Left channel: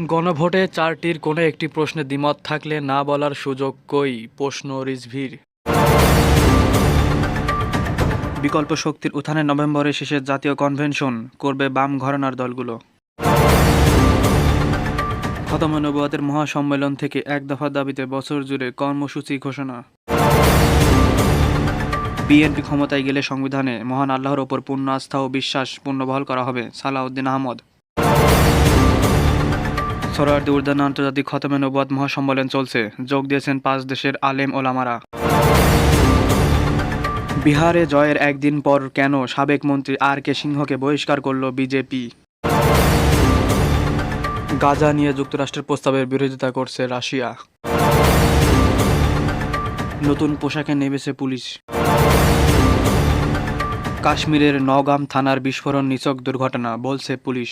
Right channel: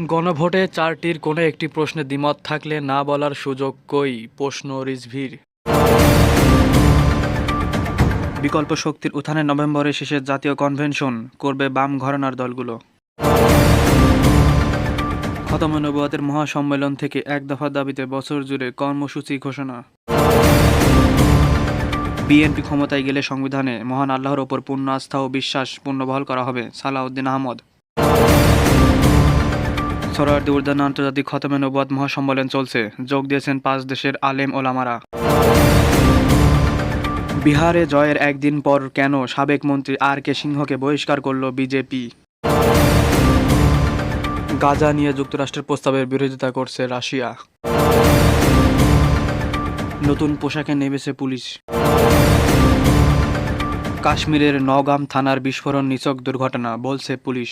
গণভোটে চারটির কোনো একটি প্রশ্নে দ্বিমত থাকলে না বলার সুযোগ কই? প্রশ্ন রিজভির। বিকল্প শক্তির উত্থানে নভেম্বরের শেষে জাতীয় কনভেনশন, করবে বাম ঘরানার দলগুলো। খতম নবুয়াতের মহাসম্মেলন থেকে এক দফা দাবিতে বছর জুড়ে কর্মসূচি ঘোষণা। বিএনপি ক্ষমতায় গেলে সংবিধানে মহান আল্লাহর ওপর পূর্ণ আস্থা ও বিশ্বাস পূর্ণবহাল করা হবে, সালাউদ্দিন আহমদ। সরোয়ার্দী উদ্যান আন্তর্জাতিক খতমে নবুয়াত মহাসম্মেলন চলছে। যোগ দিয়েছেন পাঁচ দেশের আলেম ওলামারা। বিহারে জয়ের একদিন পর কেন সাবেক মন্ত্রী আর কে সিংহকে বহিষ্কার করল বিজেপি? গাজা নিয়ে যুক্তরাষ্ট্রের প্রস্তাবের বিরোধিতা করছে রাশিয়া। নতুন পোশাকে নেমেছে পুলিশ। কাশ্মীরের নগাম থানার বিস্ফোরণ নিচক দুর্ঘটনা, বলছে পুলিশ।